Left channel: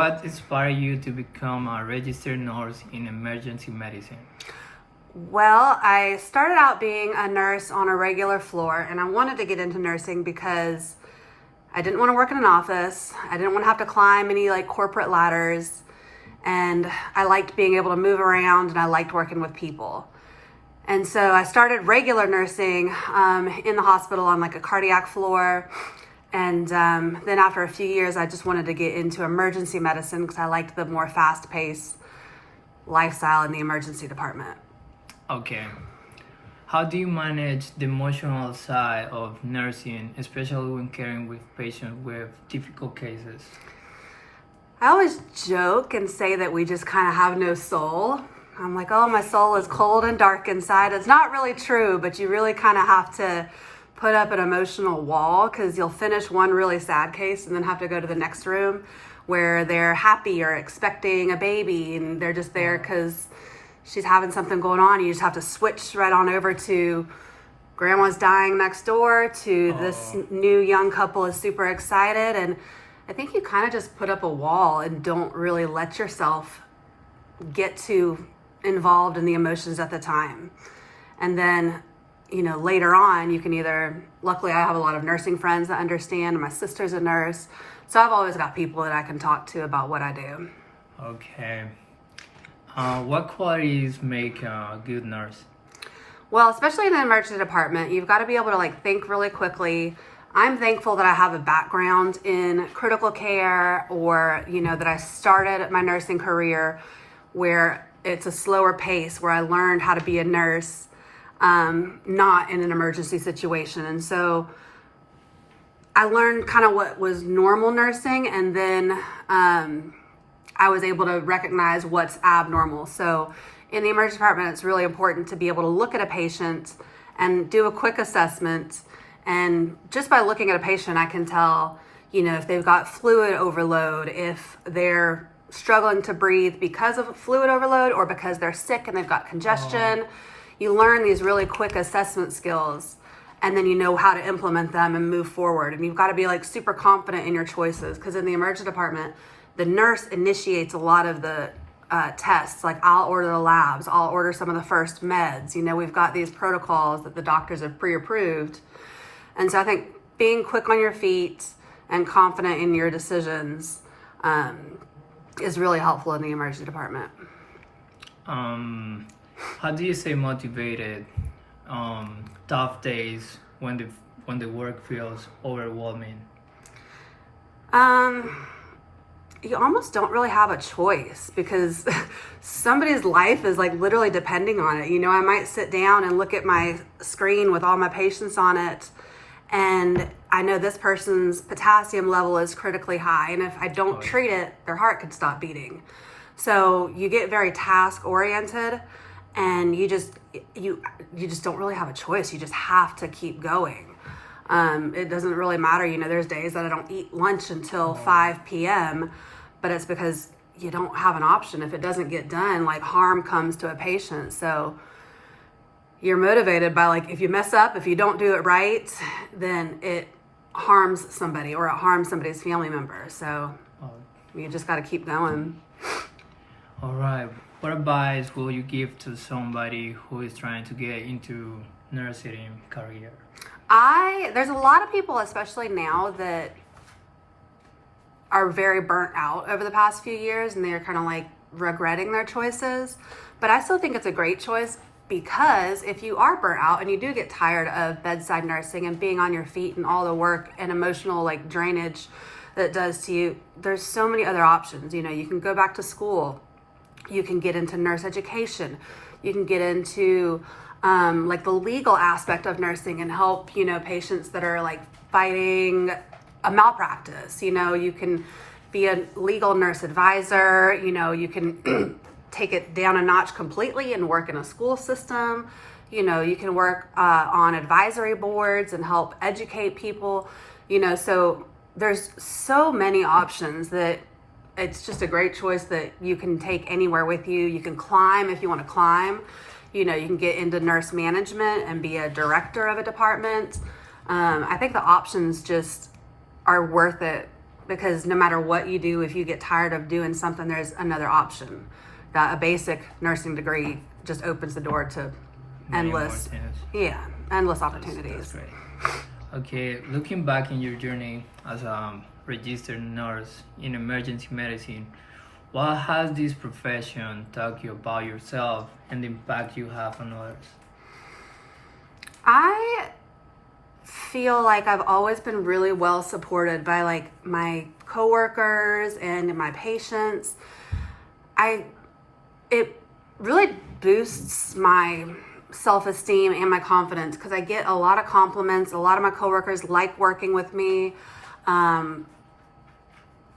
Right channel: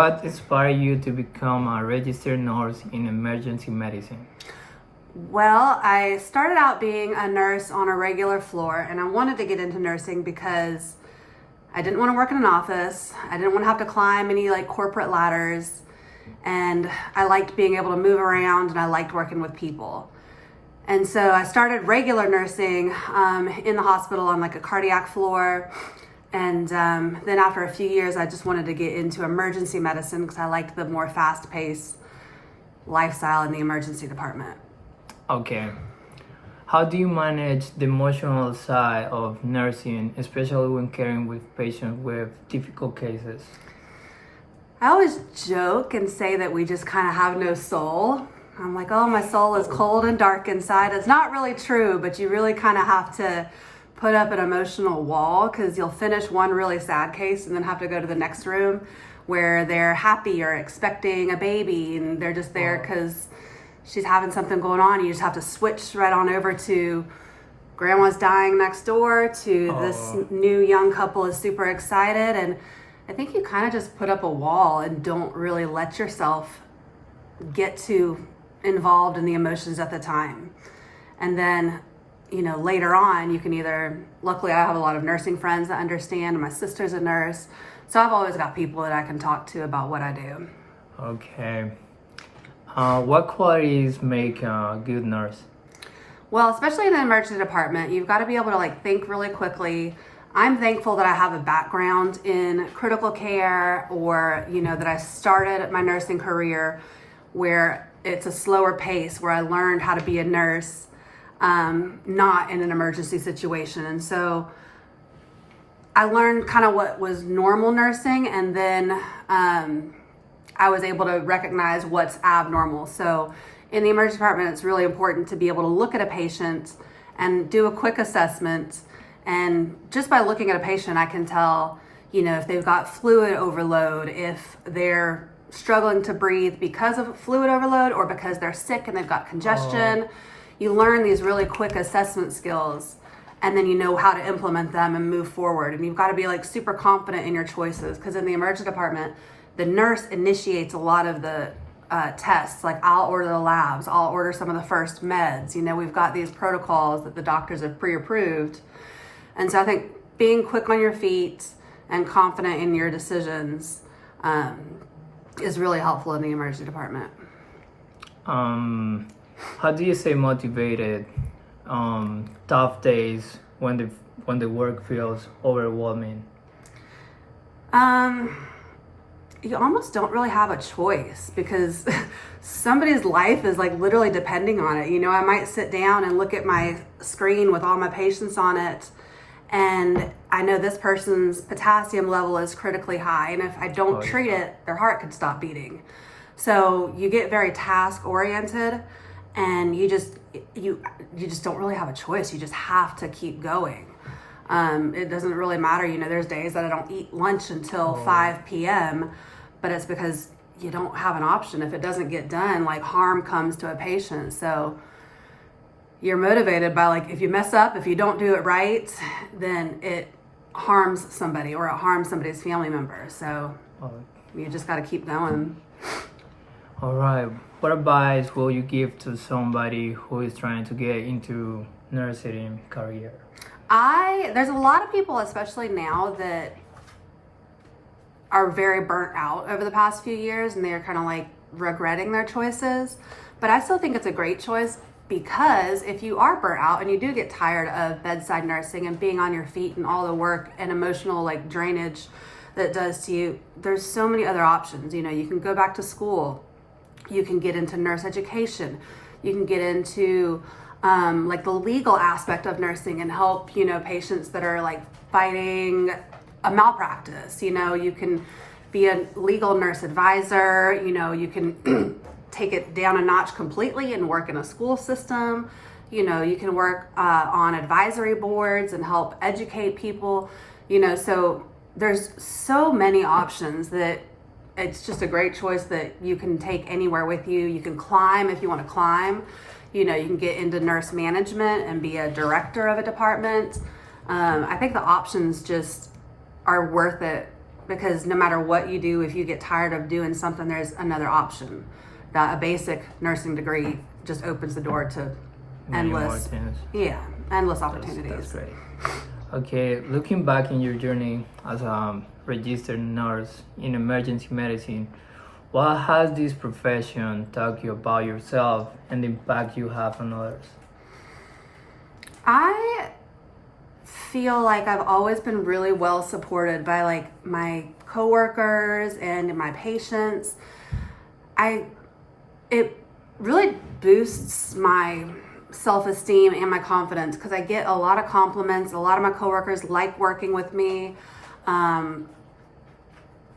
What inspired you to become a registered nurse in emergency medicine? Well, I started out being a nurse on a regular floor, and I wanted to get into nursing because I didn't want to work in an office. I didn't want to have to climb any corporate ladders, and I liked being able to move around, and I liked working with people. And so I started regular nursing in the hospital on a cardiac floor. And then after a few years, I just wanted to get into emergency medicine because I liked the more fast-paced lifestyle in the emergency department. Okay. How do you manage the emotional side of nursing, especially when caring with patients with difficult cases? I always joke and say that we just kind of have no soul. I'm like, oh, my soul is cold and dark inside. It's not really true, but you really kind of have to put up an emotional wall because you'll finish one really sad case and then have to go to the next room where they're happy or expecting a baby and they're just there because she's having something going on. You just have to switch right on over to grandma's dying next door to this new young couple is super excited. And I think you kind of just put up a wall and don't really let yourself get too involved in the emotions at the time. And then later on, you can luckily I have a lot of nursing friends that understand, and my sister's a nurse. So I've always got people that I can talk to about what I do. Okay. What qualities make a good nurse? Well, especially in the emergency department, you've got to be able to think really quickly. I'm thankful that I have a background in critical care or, that I started my nursing career where it's a slower pace, where I learned how to be a nurse not in an emergency situation. And so I learned kind of what was normal nursing, and then I was able to recognize what's abnormal. So in the emergency department, it's really important to be able to look at a patient and do a quick assessment. And just by looking at a patient, I can tell, if they've got fluid overload, if they're struggling to breathe because of fluid overload or because they're sick and they've got congestion. You learn these really quick assessment skills, and then you know how to implement them and move forward. And you've got to be super confident in your choices, because in the emergency department, the nurse initiates a lot of the tests. I'll order the labs, I'll order some of the first meds. We've got these protocols that the doctors have pre-approved. And so I think being quick on your feet and confident in your decisions is really helpful in the emergency department. How do you stay motivated tough days when the work feels overwhelming? You almost don't really have a choice because somebody's life is literally depending on it. I might sit down and look at my screen with all my patients on it, and I know this person's potassium level is critically high, and if I don't treat it, their heart could stop beating. So you get very task oriented, and you just don't really have a choice. You just have to keep going. It doesn't really matter. There's days that I don't eat lunch until 5 p.m., but it's because you don't have an option. If it doesn't get done, harm comes to a patient. So you're motivated by if you mess up, if you don't do it right, then it harms somebody or it harms somebody's family member. So you just got to keep going. All right. What advice will you give to somebody who is trying to get into nursing career? There's a lot of people, especially now, that are very burnt out over the past few years, and they're kind of regretting their choices. But I still think it's a great choice, because if you are burnt out and you do get tired of bedside nursing and being on your feet and all the work and emotional drainage that it does to you, there's so many other options. You can go back to school. You can get into nurse education. You can get into the legal aspect of nursing and help, patients that are fighting a malpractice. You can be a legal nurse advisor. You can take it down a notch completely and work in a school system. You can work on advisory boards and help educate people. So there's so many options that it's just a great choice that you can take anywhere with you. You can climb if you want to climb. You can get into nurse management and be a director of a department. I think the options just are worth it because no matter what you do, if you get tired of doing something, there's another option. That a basic nursing degree just opens the door to Many more endless, things. endless That's opportunities. great. Okay, looking back in your journey as a registered nurse in emergency medicine, what has this profession taught you about yourself and the impact you have on others? I feel like I've always been really well supported by like my coworkers and my patients. It really boosts my self-esteem and my confidence because I get a lot of compliments. A lot of my coworkers like working with me.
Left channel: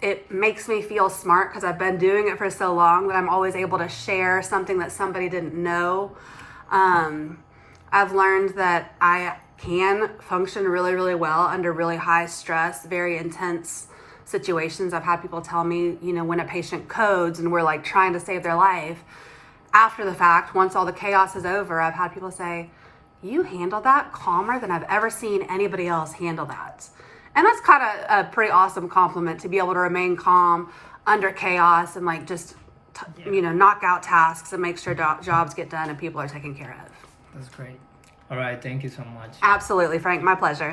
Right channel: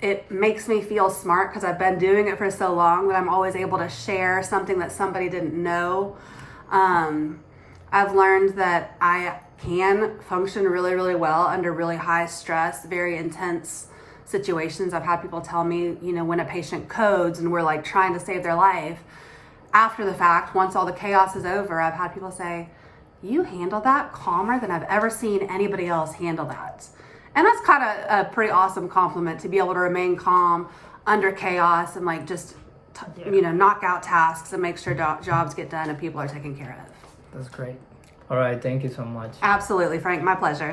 It makes me feel smart because I've been doing it for so long that I'm always able to share something that somebody didn't know. I've learned that I can function really, really well under really high stress, very intense situations. I've had people tell me, when a patient codes and we're like trying to save their life, after the fact, once all the chaos is over, I've had people say, you handled that calmer than I've ever seen anybody else handle that. And that's kind of a pretty awesome compliment to be able to remain calm under chaos and like just, knock out tasks and make sure jobs get done and people are taken care of. That's great. All right, thank you so much. Absolutely, Frank. My pleasure.